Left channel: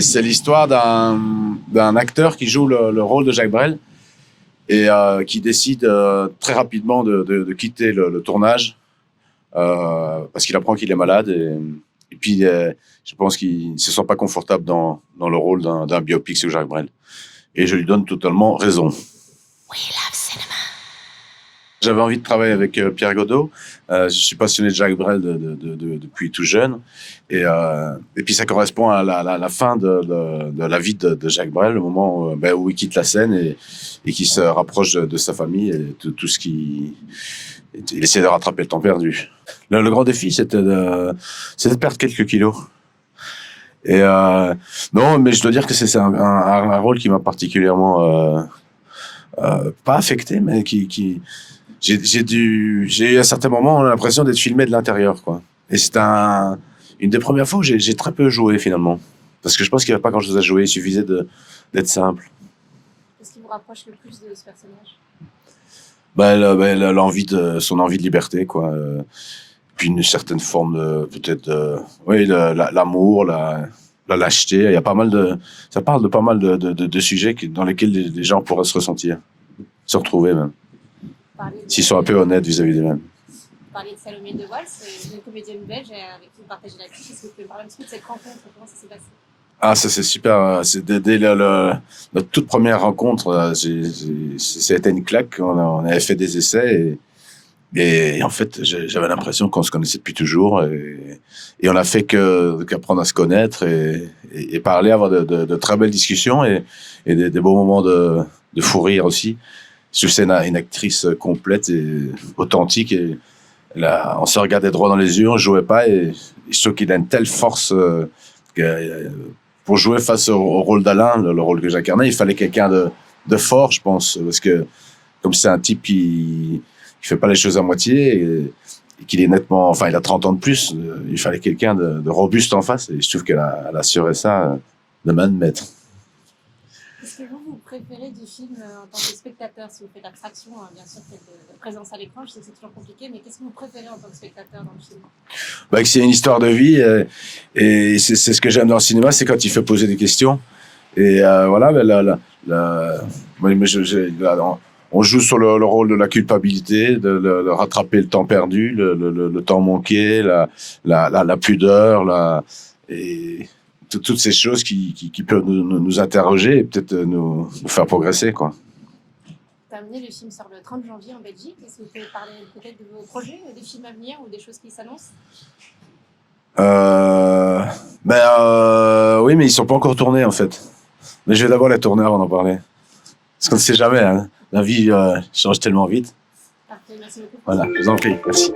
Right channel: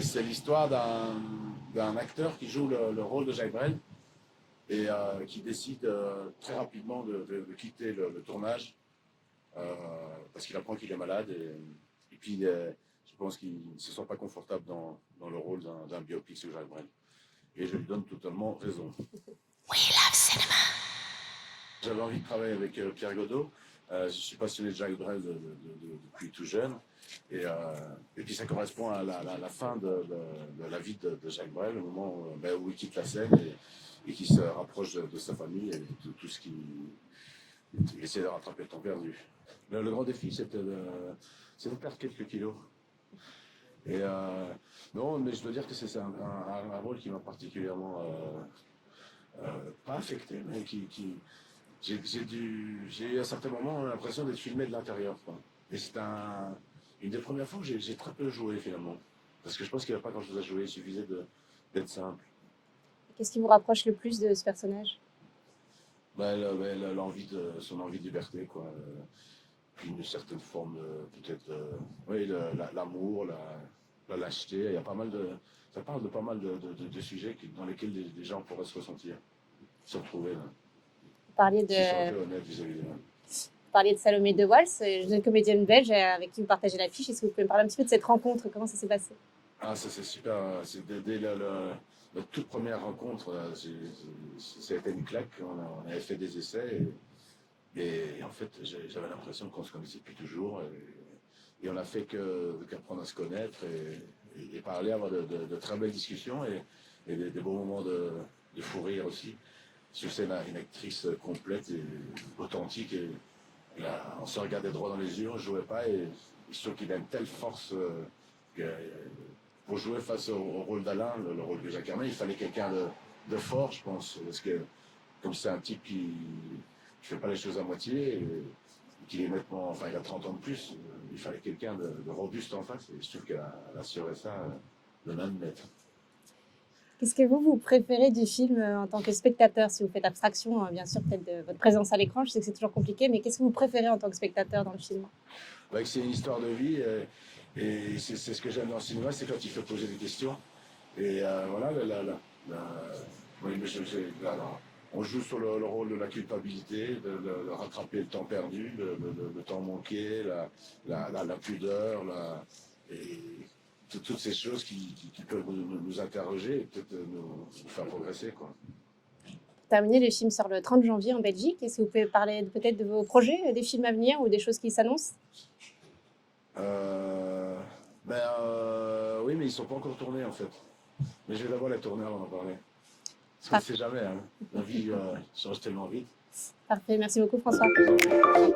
C'est l'histoire d'un acteur qui joue le rôle de Jacques Brel et qui décide très rapidement de quitter le tournage parce qu'il apprend qu'il est malade et puis je pense qu'il ne se sent pas confortable dans le rôle d'un biopic sur Jacques Brel. Et je lui donne totalement raison. We love cinema. J'avais envie de travailler avec Pierre Godot. Je suis passionné de Jacques Brel depuis tout jeune. Et puis ça correspond à la fin de la vie de Jacques Brel, le moment où il quitte la scène et qui se rapproche de sa famille et de tout ce qui... Il essaie de rattraper le temps perdu. Le grand défi, c'était de perdre quelques kilos. Et non, mais je dois dire que c'est un rôle qui m'a particulièrement... pas affecté, mais qui j'ai eu à certains moments l'impression d'être filmé de l'intérieur, quoi. Et c'est une des premières fois où j'ai très peu joué finalement, parce que je pense qu'il n'y avait pas grand-chose à jouer, il suffisait d'être simple. Qu'est-ce qui vous rapproche le plus de ce personnage? Son envie de liberté, quoi. Puis une certaine forme oui, l'amour, la lâcheté. Il y a pas mal ça parle de pas mal de sujets dans lesquels les gens pourraient se ressentir, se retrouver même. S'ils sont un peu honnêtes vis-à-vis d'eux-mêmes. Vous parliez de Salomé de Wals, une comédienne belge avec qui vous partagez l'affiche. Est-ce que vous pouvez me parler un petit peu de cette rencontre? Comment ça s'est passé? Ah, ça c'est super. C'est dès notre toute première rencontre, ça a été une claque. On avait fait des essais et en fait, j'avais l'impression qu'on se connaissait depuis toujours et on a fait qu'apprendre à se connaître et parler, avoir de très belles discussions et des beaux moments de fou rire aussi. C'est une actrice complète et authentique et on se regardait droit dans les yeux, on jouait pas et je trouve qu'il a une telle force que pour jouer face au rôle d'Alain, le rôle que j'incarnais, il fallait quelqu'un de fort, je pense, parce que comme c'est un type qui fait pas les choses à moitié et qu'il est nettement, enfin il a 30 ans de plus, il fallait quelqu'un de robuste en face et je trouve qu'elle a assuré ça de main de maître. Qu'est-ce que vous préférez du film en tant que spectateur, si vous faites abstraction, bien sûr, de votre présence à l'écran? Je sais que c'est toujours compliqué, mais qu'est-ce que vous préférez en tant que spectateur dans le film? Que c'est une histoire de vie et c'est ce que j'aime dans le cinéma, c'est quand il fait poser des questions. Et voilà, on joue sur le rôle de la culpabilité, de rattraper le temps perdu, le temps manqué, la pudeur, et toutes ces choses qui peuvent nous interroger et peut-être nous faire progresser, quoi. Terminer, le film sort le 30 janvier en Belgique. Est-ce que vous pouvez parler peut-être de vos projets, des films à venir ou des choses qui s'annoncent? Oui, mais ils sont pas encore tournés en fait. Mais je vais d'abord les tourner avant d'en parler. Parce qu'on ne sait jamais, hein. La vie change tellement vite. Parfait, merci beaucoup François. Voilà, je vous en prie, merci.